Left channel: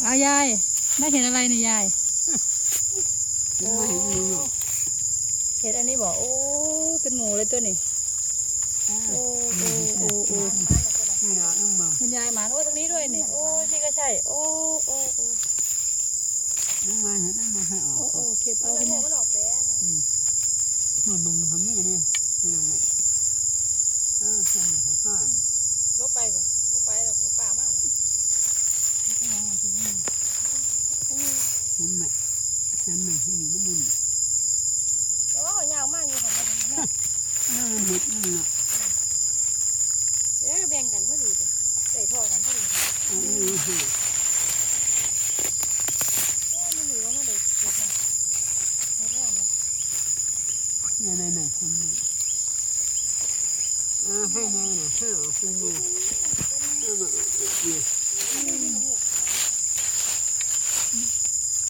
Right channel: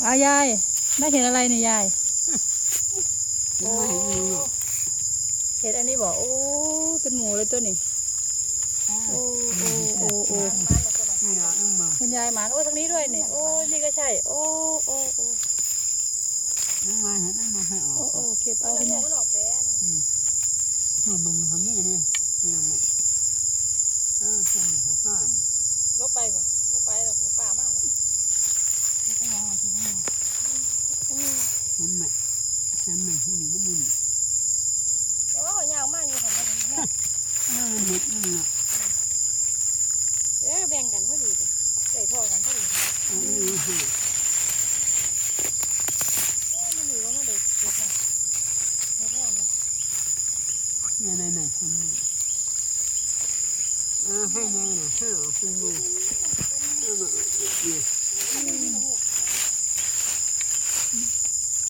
เอายายได้เห็นอะไรเนี่ยยายโอ้เห็นอันนี้บอกโอ้เป็นหมูเลยตัวนี้โอ้โอ้โอ้โอ้คุณยายหมาโอ้ทางนี้ด้วยนี่โอ้นี่ก็ใช่โอ้โอ้โอ้มาเห็นมันให้ออกโอ้เก็บเอาคุณยายมันออกแป้นมันทำนี่นี่นี่ใช่ไหมครับพ่อลบไปบ่ลบไปแล้วหัวป่ามากเลยเห็นไหมที่นี่มันนี่แล้วก็ยาวมากอยู่ของมันมันเห็ดนี่นะแบ่งกันพอดีเลยใส่ท่อกันพอดีมันอยู่ว่ามันเด็กเด็กนะเด็กงามเลยนี่ทำนี่ให้ไงนะให้ออกเป็นมือ